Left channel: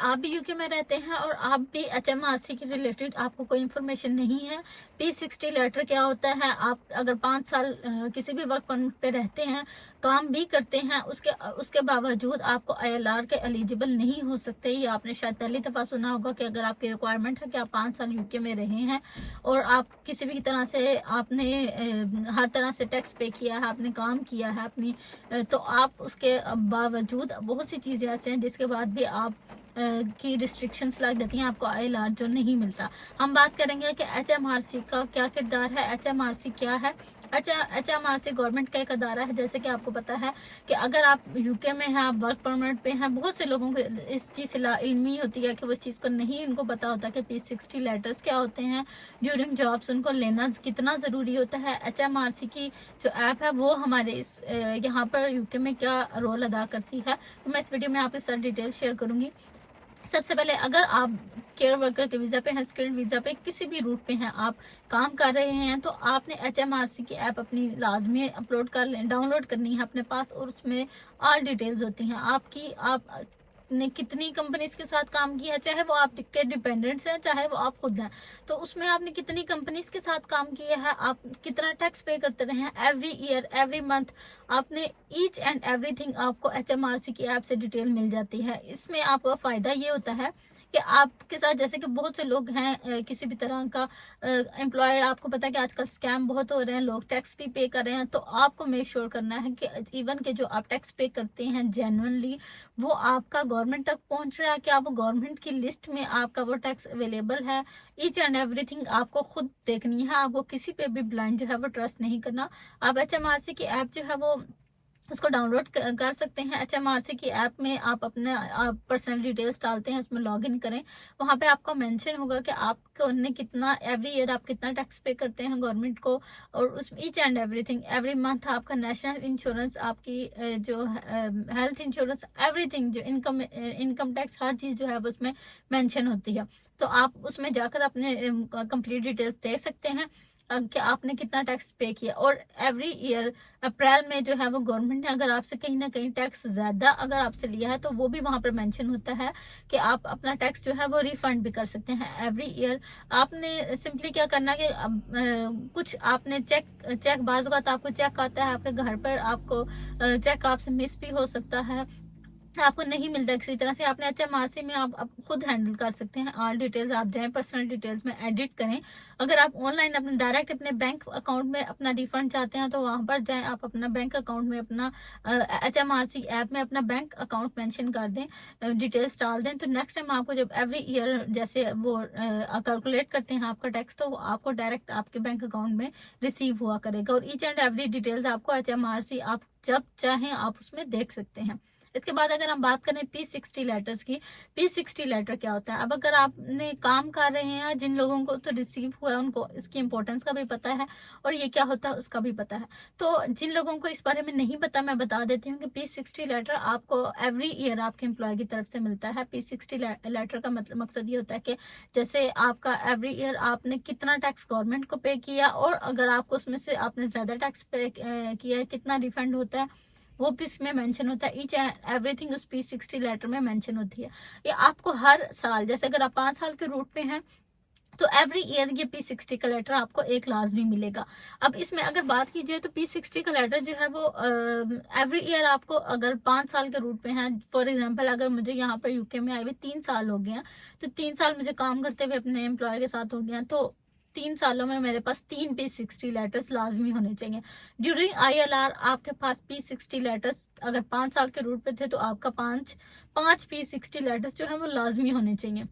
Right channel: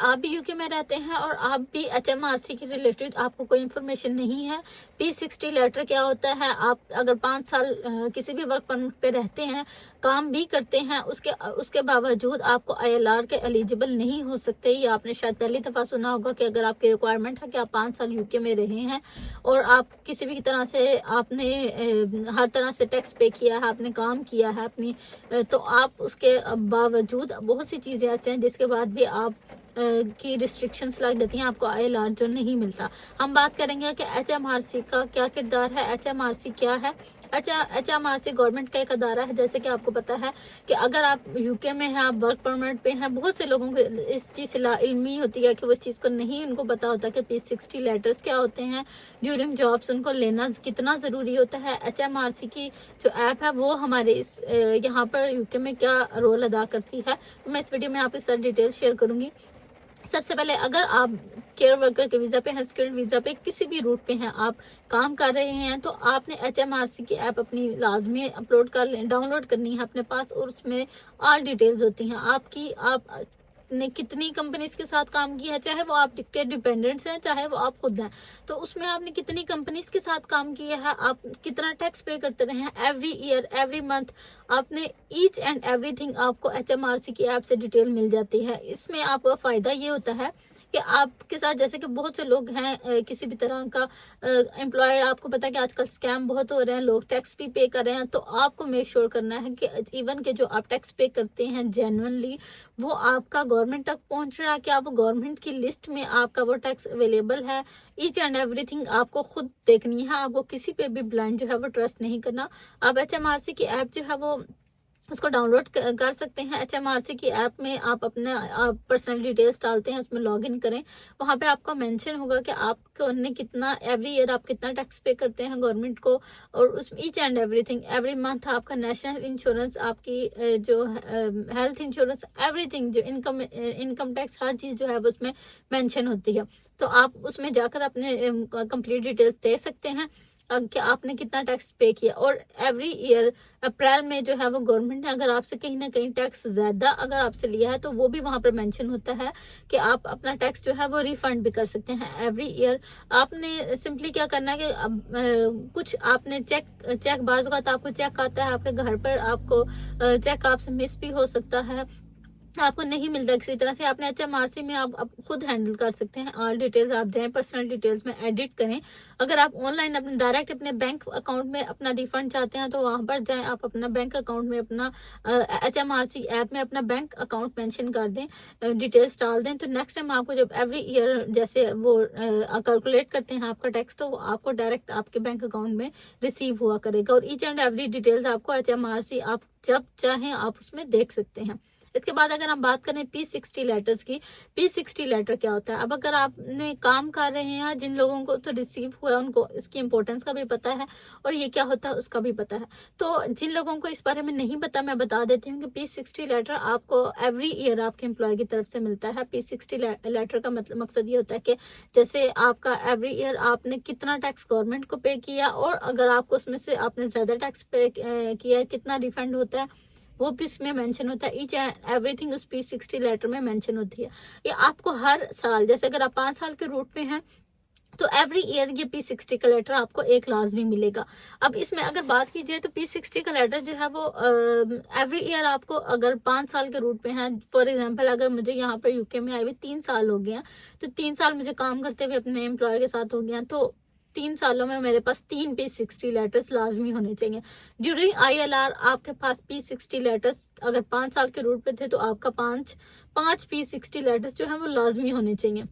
आप भी यूके में रहते हैं और आप भी HMRC के रिलेटेड आपको कोई इन्फॉर्मेशन नहीं है, P60 लेटर क्या होता है, आप अगर 5 साल किसी भी वर्क परमिट पे रहते हैं, काम भी करते हैं, उसके बावजूद आपको ILR के एलिजिबल नहीं हो सकते। ये आपने शायद पहली दफ़ा सुना होगा कि अगर आपकी रिक्वायरमेंट है कि आप 5 साल यूके में रहे हैं और आप किसी भी तरह से आपने हर तरह से टैक्स पे किया है, आपने काम किया है अपनी, तो आप उसके बावजूद बहुत सी चीज़ें ऐसे हैं जिसके बाद भी आप की रिस्ट्रिक्शंस लग जाती हैं, आपको ILR जो नहीं मिलता। हम बात करेंगे कि HMRC का क्या किरदार है, HMRC क्या है। HMRC गवर्नमेंट का एक अदारा है। जैसे कि आपको पता है कि अगर आप यूके में हैं, आप वर्क परमिट पे हैं, बहुत से लोगों को इस चीज़ से लाइल्मी होती है कि वो इस चीज़ को नहीं उनको पता होता कि P60 लेटर्स क्या होते हैं, ड्यूरिंग जॉब्स उनको लेना कितना ज़रूरी होता है। HMRC की जो ऐप है वो हमारे इस यहाँ पर यूके में क्या रोल अदा करती है, तो मैं इस वीडियो में आपके साथ डिटेल शेयर करूँगी। सबसे पहले अगर आप केयर वर्कर के वीज़ा पे हैं, स्किल्ड वीज़ा पे, किसी भी रूट पे हैं, आप काम कर रहे हैं, तो आपने HMRC की ऐप अपनी लाजमी अपलोड कर लें, डाउनलोड करनी है अपने पास, और उसमें ऑल डिटेल्स होती हैं आपकी। आपने कितनी कंपनीज के साथ काम किया है, चाहे वो आपके डिपेंडेंट्स हैं, चाहे वो आप खुद हैं, तो उसमें आपने कितनी कंपनीज के साथ काम किया है, आप कितना टैक्स पे करते रहे हैं एवरी ईयर, एवरी मंथ, आपने ईच एंड एवरीथिंग आपको HMRC की ऐप से डिटेल मिल जाती है। इसमें आपका फ़ायदा ये होता है कि आपके साथ, जैसे कि बहुत से लोग हैं किसी भी तरह का एम्प्लॉयर, आपको पता है कि आजकल स्कैम बहुत हो रहे हैं, लोग टैक्स भी पे कर रहे हैं, तो आपको मेक श्योर करना है कि इवन के जो आप टैक्स पे करते हैं जेन्युइनली वो आपका गवर्नमेंट तक पहुंच रहा है, कि आप गवर्नमेंट की लिस्ट में आपका वो टैक्स अवेलेबल है। ईच एंड एवरीथिंग आपको खुद देखनी है, आपको किसी पे भी ब्लाइंड जो है वो ट्रस्ट नहीं करना। आप HMRC की ऐप जो है वो उसको डाउनलोड कर सकते हैं। HMRC की ऐप में आप अपने पर्सनल डिटेल्स डालते हैं, उसमें लॉगिन करें, वहाँ पे आपको मेंशन होगा कि आपको ने कितना एवरी ईयर आप कितना टैक्स पे करते हैं गवर्नमेंट को, और उस each and everything every month आपका नेशनल इंश्योरेंस, आपकी जो हेल्थ इंश्योरेंस, एवरीथिंग, जो इनकम टैक्स, हर चीज़ जो है वो उसमें मेंशन होती है। तो आप उसमें जाकर अपने कंप्लीट डिटेल्स दे सकते हैं कि आपने कितना टैक्स पे किया। और एवरी ईयर अप्रैल में जो है वो गवर्नमेंट ने अगर आपसे कहीं ना कहीं टैक्स ज़्यादा अगर आपसे लिया है, तो वो भी वहाँ पर मेंशन होता है कि आप अपना टैक्स जो है वो रिफंड भी कर सकते हैं एवरी ईयर। आपने सिंपली क्या करना है कि कुछ आपने चेक बाज़ का आपको चेक आता है आपके घर पर, आपको चेक आपसे मिस भी हो सकता है, आपको नहीं मिलता किसी तरह से। आपने HMRC में आप खुद हैंडल कर सकते हैं। ऑल डिटेल्स आप जाएं, पर्सनल डिटेल्स में एडिट करें। अगर आप ऑनलाइन अपने डायरेक्ट अपने बैंक अकाउंट में अपना रिफंड चाहते हैं, तो वहां पर जाएं, आप अपना बैंक अकाउंट में अपना HMRC ऐप में अपना बैंक अकाउंट मेंशन कर दें, डिटेल्स डाल दें, तो नेक्स्ट टाइम आपको जब एवरी ईयर जैसे वो कैलकुलेट करते हैं आपका टैक्स, तो आपको डायरेक्ट आपके बैंक अकाउंट में रिसीव हुआ करेगा। और ईच एंड एवरी डिटेल्स आपको HMRC आप जब चाहें आप उसमें देख सकते हैं। इसके बाद अगर हम बात करें P60 लेटर्स की, P60 लेटर क्या होता है। अब अगर आपने काम कर रहे हैं, जिन लोगों को तो रिसीव हुआ है उनको इसकी इंपॉर्टेंस का भी पता है और ये क्या होता है उसका भी पता है। तो जिन लोगों को इस बारे में नहीं पता, मैं बता देती हूँ कि P60 लेटर आपको एवरी ईयर आपके एम्प्लॉय की तरफ से मिलता है। P60 लेटर का मतलब मकसद ये होता है कि जैसे आपका एवरी ईयर आपने कितना टैक्स गवर्नमेंट को पे किया, और अगर आपको उसमें से आपने ज्यादा टैक्स पे किया, कितना रिफंड होता है वो भी इसमें मेंशन होता है। ईच एंड एवरीथिंग उस P60 लेटर में मेंशन होती है। ये आपको हर साल, जैसे अगर आप 5 साल के रूट पे हैं, तो एवरी ईयर ये P60 का लेटर आपको एक लाजमी मिलेगा। अब इसमें अगर बात कीजिए तो P60 का लेटर जो है वो एवरी ईयर आपको, अगर 5 साल के रूट पे हैं, फॉर एग्जांपल अगर मुझे यहाँ पर यूके में आए हुए 3 साल हो गए हैं, तो 3 साल मुझे काम करते हुए अपने एम्प्लॉयर के साथ हो गया हैं, तो 3 सालों में मेरे पास 3 P60 लेटर्स लाजमी होने चाहिए। ड्यूरिंग ILR आपके पास P60 लेटर्स, अगर 5 साल के रूट पे थे तो आपका पांच P60 लेटर्स जो है वो लाजमी होने चाहिए,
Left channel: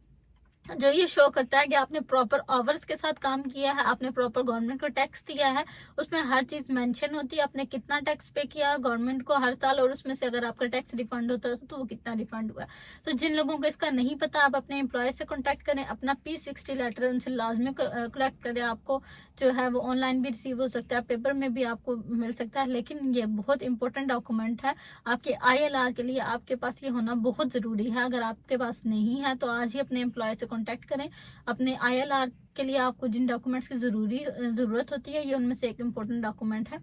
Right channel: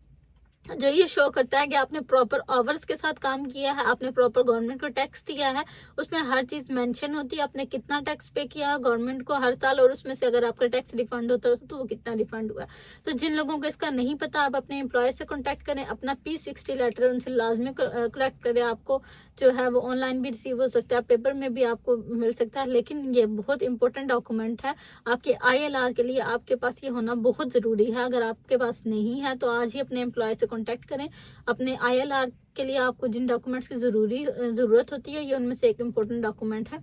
जो ये शो करता है कि आपने प्रॉपर आवर्स के साथ काम किया है, आपने प्रॉपर गवर्नमेंट को टैक्स दिया है। उसमें हर चीज मेंशन होती है, आपने कितना टैक्स पे किया गवर्नमेंट को हर साल, और उसमें से अगर आपका टैक्स रिफंड होता है तो वो कितना रिफंड हुआ है। तो जिन लोगों को इसका नहीं पता, आप अपने एम्प्लॉयर से कॉन्टेक्ट करें, अपना P60 लेटर उनसे लाजमी कलेक्ट करें। आपको जो है वो ऑनलाइन भी रिसीव हो सकता है, पेपर में भी आपको मिल सकता है, लेकिन ये बहुत इंपॉर्टेंट डॉक्यूमेंट है आपके ILR के लिए। आपके पास ये होना बहुत जरूरी है। अगर आपके पास नहीं है तो आज ही अपने एम्प्लॉयर से कॉन्टेक्ट करें, अपने ILR के लिए आपको जिन डॉक्यूमेंट्स की ज़रूरत होती है, ये उनमें से एक इम्पोर्टेंट डॉक्यूमेंट है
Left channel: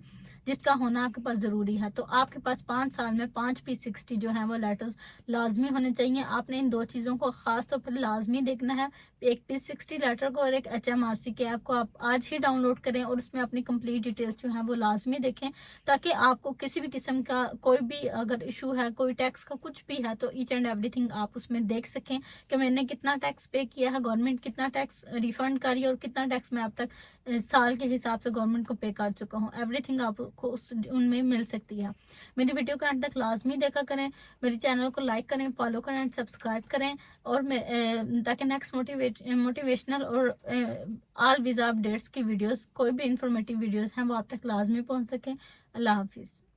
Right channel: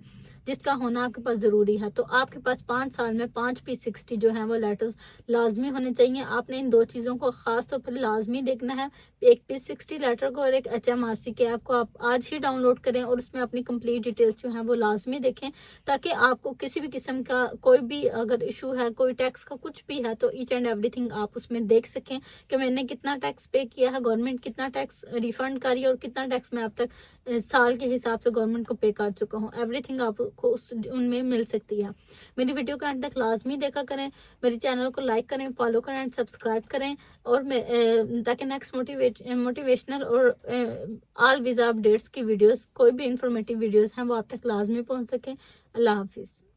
जिसका होना आपके पास ज़रूरी है। तो आपके पास 5 साल में 5 P60 जो है वो लेटर्स लाजमी होने चाहिए। आपने इन 2 चीज़ों को ख़ास तौर पर लाजमी देखना है। एक P60 लेटर को और एक HMRC के ऐप को आप आज ही डाउनलोड करें और उसमें अपनी कंप्लीट डिटेल्स जो हैं वो लाजमी देखें, ताकि आपको किसी भी किस्म का कोई भी अगर इशू है, कोई टैक्स का कुछ भी है, तो ईच एंड एवरीथिंग आप उसमें देख सकें कि मैंने कितना टैक्स पे किया है, गवर्नमेंट कितना टैक्स रिफंड कर रही है और कितना टैक्स मैं अब तक साल के हिसाब से गवर्नमेंट को पे कर चुका हूँ। एवरीथिंग आपको उनमें मिल सकती है। मेरी वीडियो को अंत तक लाजमी देखा करें, मेरे चैनल को लाइक करें, फॉलो करें एंड सब्सक्राइब करें, और ताकि नेक्स्ट मोटिवेशनल और ऑल वीज़ा अपडेट्स की वीडियोस, कोई भी इंफॉर्मेटिव वीडियोस हैं वो आप तक लाजमी पहुंच सके। अल्लाह हाफिज़।